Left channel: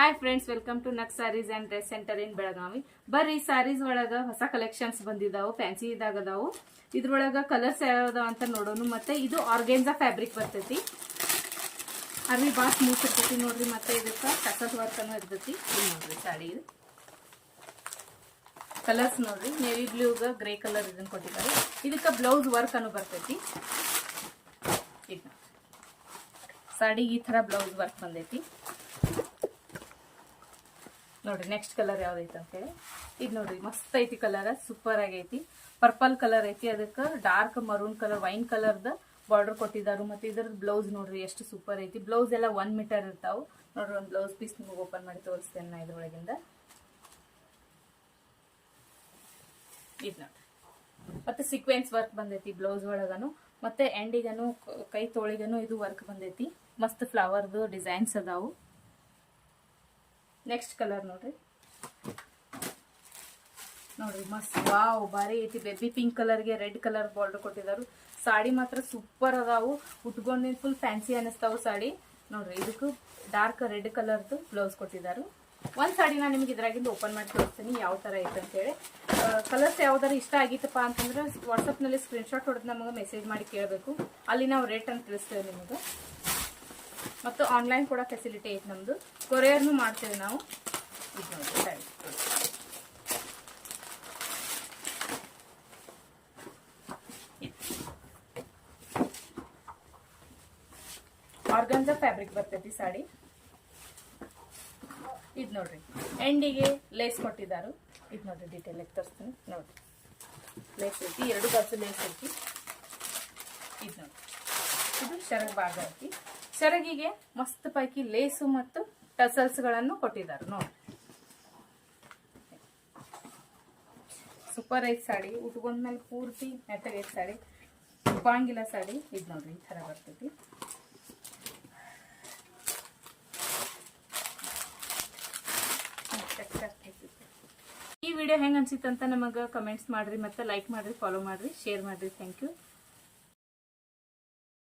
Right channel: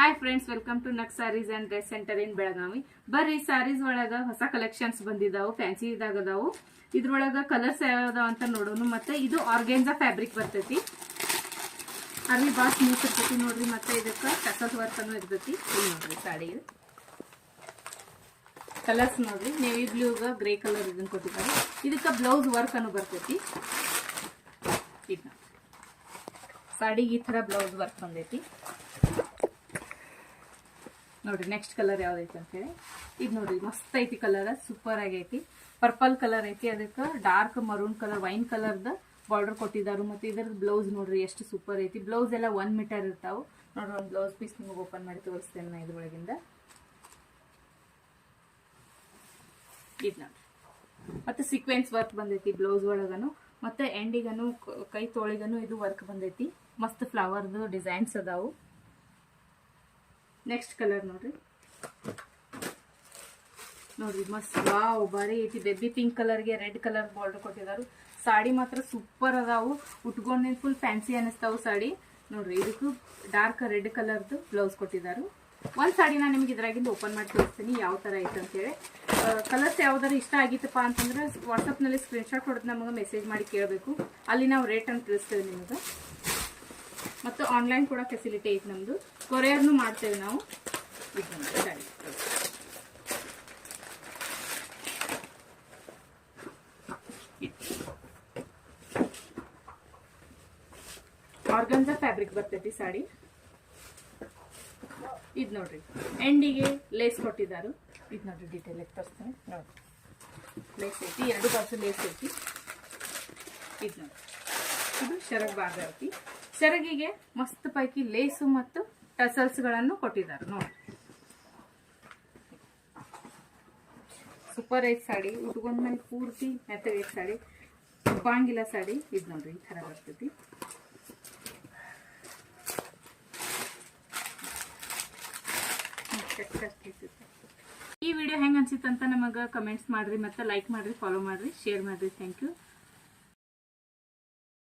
Hi friends, welcome to Nak sarees and dress centre in Belagavi. ಬರ್ರಿ, sarees ಒಳಗ ಹೊಸ collections ಬಂದಿದಾವು, fancy ಇದಾಗದಾವು. ಇದ್ರೊಳಗ ಕಲರ್ಸ್ ಯಾವ್ದಾವ ಅಂತ ನೋಡೋಣ. ಮತ್ತೆ ಇದು ಆರ್ಗೆನ್ಜಾ ಫ್ಯಾಬ್ರಿಕ್ ಬರ್ತೈತಿ. ಅರ್ಲಿ ಬಾಸ್ ಸ್ಮೂತ್ ಇರ್ತೈತಿ ನೋಡ್ರಿ. ಮತ್ತೆ ಇದಕ್ಕ ಟಸಲ್ ವರ್ಕ್ ಅನ್ನೋ ಇರ್ತೈತಿ. ನೋಡ್ರಿ ಸಾಡಿ ಕಲರ್ಸ್ ನೋಡ್ರಿ, ನೇವಿ ಬ್ಲೂಗ ಗ್ರೇ ಕಲರ್ ಇದನ್ನ ಕೊಟ್ಟಿದ್ದಾರೆ. ಇದಕ್ಕ ಬ್ಲೌಸ್ ವರ್ಕ್ ಅನ್ನೋ ಬರ್ತೈತಿ. ಈಗ ಸಾಡಿಗೆ ಈ ತರ ಬ್ಲೌಸ್ ವರ್ಕ್ ಬಂದೈತಿ ನೋಡ್ರಿ. ನೆಕ್ಸ್ಟ್ ಕಲರ್ ಯಾವ್ದೈತಿ ಅಂತ ಹೇಳಿ ಇದು ನೋಡ್ರಿ, ಮಸ್ತ್ ಐತಿ ಕಲರ್, ಸೂಪರ್ ಆಗೈತಿ. ಪರ್ಪಲ್ ಕಲರ್ ಐತಿ, ಅದಕ್ಕೆ ಡಾರ್ಕ್ ಮರೂನ್ ಕಲರ್ ವೈನ್ ಕಲರ್ದ ಬಾರ್ಡರ್ ಕೊಟ್ಟಿದ್ದಾರೆ. ಮತ್ತೆ ಇದ್ರದ್ದು ಬ್ಲೌಸ್ ನೋಡ್ರಿ ಎಷ್ಟು ಸೂಪರ್ ಐತಿ. ಬ್ಲೌಸ್ ಎಲ್ಲ 1 ಮೀಟರ್ ಇರ್ತಾವ ನೋಡ್ರಿ. ಒಂದು ಬ್ಲೌಸ್ ಪೀಸ್ ನಿಮ್ಗೆ ಓಪನ್ ಮಾಡಿ ತೋರಿಸ್ತೇನೆ ನಾ ಇದ್ರೊಳಗಿಂದ. ಇದು ನೋಡ್ರಿ, ಮತ್ತೆ ಸೀಕ್ವೆನ್ಸ್ ವರ್ಕ್ ಬಂದೈತಿ ಬ್ಲೌಸ್ ಒಳಗನು. ಮತ್ತೆ ಎಂಡಿಗನು ಕೈ ತೋಳಿಗನು ಇದು ವರ್ಕ್ ಬಂದೈತಿ. ಮಸ್ತ್ ಫ್ಲವರ್ದು ಡಿಸೈನ್ಸ್ ಅದಾವು. ನೆಕ್ಸ್ಟ್ ಕಲರ್ ನೋಡ್ರಿ, ಮಸ್ತ್ ವಾವ್ ಬಾರಿ ಐತಿ. ಬೇಬಿ ಪಿಂಕ್ ಕಲರ್ಗೆ ರೆಡ್ ಕಲರ್ ಬಾರ್ಡರ್ ಕೊಟ್ಟಿದ್ದಾರೆ. ಸಾಡಿ ಮಾತ್ರ ಸೂಪರ್ ಅದಾವು. ಉಟ್ಕೊಂಡ್ ಫುಲ್ ಫ್ಯಾನ್ಸಿ ಅನಿಸ್ತಾವು ಸಾಡಿ ನೋಡ್ರಿ. ಇದಕ್ಕೂ ಡಾರ್ಕ್ ರೆಡ್ ಕಲರ್ದು ಬ್ಲೌಸ್ ಕೊಟ್ಟಿದ್ದಾರೆ. ಒಂದ್ ಸಾಡಿ ನಾನು ನಿಮ್ಗೆ ಇದ್ರಾಗಿಂದ ಓಪನ್ ಮಾಡಿ ತೋರಿಸ್ತೀನಿ ಯಾವ ತರ ಐತೆ ಅಂತೇಳಿ. ಕಲರ್ಸ್ ಯಾವ್ದಾರು ಇಷ್ಟ ಆಗಿತ್ತಪ್ಪ ಅಂತಂದ್ರೆ ವಾಟ್ಸಪ್ ನಲ್ಲಿ ಸ್ಕ್ರೀನ್ ಶಾಟ್ ಹೊಡೆದು ನಮಗೆ ಮೆಸೇಜ್ ಮಾಡಿ ಕೇಳಬೇಕು. ಅಲ್ಲಿ ನಾವು ರೇಟ್ ಅಂತ ತಿಳಿಸ್ತೇವೆ ನಿಮಗೆ. ಮತ್ತು ಆನ್ಲೈನ್ ಕೂಡ ಫೆಸಿಲಿಟಿ ಐತೆ ನಮ್ದು. ಕೊರಿಯರ್ನು ಮಾಡ್ತೇವೆ ನಾವು. ಆರ್ಗನ್ಜಾ ಫ್ಯಾಬ್ರಿಕ್ ಬರ್ತೈತಿ ಸಾಡಿ. ಇದು ನೋಡ್ರಿ, ಎಂಡಿಗೆ ಲೇಸ್ ಕೊಟ್ಟಿದ್ದಾರೆ. ಇದು ನೋಡ್ರಿ, ಡೀಟೇಲ್ ಆಗಿ ತೋರಿಸ್ತೀನಿ ನೋಡ್ರಿ. ಲೇಸ್ ಐತಿ, 2 ಬಾರ್ಸು ಲೇಸ್ ಐತಿ. ಇದು ನೋಡ್ರಿ, ಇದು ಶರಗ್ ಭಾಗ ಐತಿ. ಸೆರಗಿಗೆ ಮಸ್ತ್ ಪೈಕಿ ಲೇಸು ಮತ್ತು ಟಸಲ್ಸ್ ಗಳನ್ನು ಕೊಟ್ಟಿದ್ದಾರೆ ನೋಡಿ. ಸೂಪರ್ ಐತ್ ಸಾಡಿ. ಉಟ್ಕೊಂಡ್ಮೇಲೆ ಪೂರ್ತಿ ಮೆತ್ತಗೈತ್ ಸಾಡಿ, ಉಪ್ಪಂಗಿಲ್ಲ ಸಾಡಿ. ಇದು ನೋಡ್ರಿ, ಈ ತರ ಬರ್ತೈತಿ. ಈ ವಿಡಿಯೋ ಹೆಂಗ್ ಅನ್ಸಿತ್ತಂತ ನಮಗ ಕಮೆಂಟ್ಸ್ ಮಾಡ್ರಿ, ಮತ್ತೆ ಲೈಕ್ ಮಾಡ್ರಿ, ಫಾಲೋ ಮಾಡ್ರಿ, ಶೇರ್ ಮಾಡ್ರಿ. Thank you.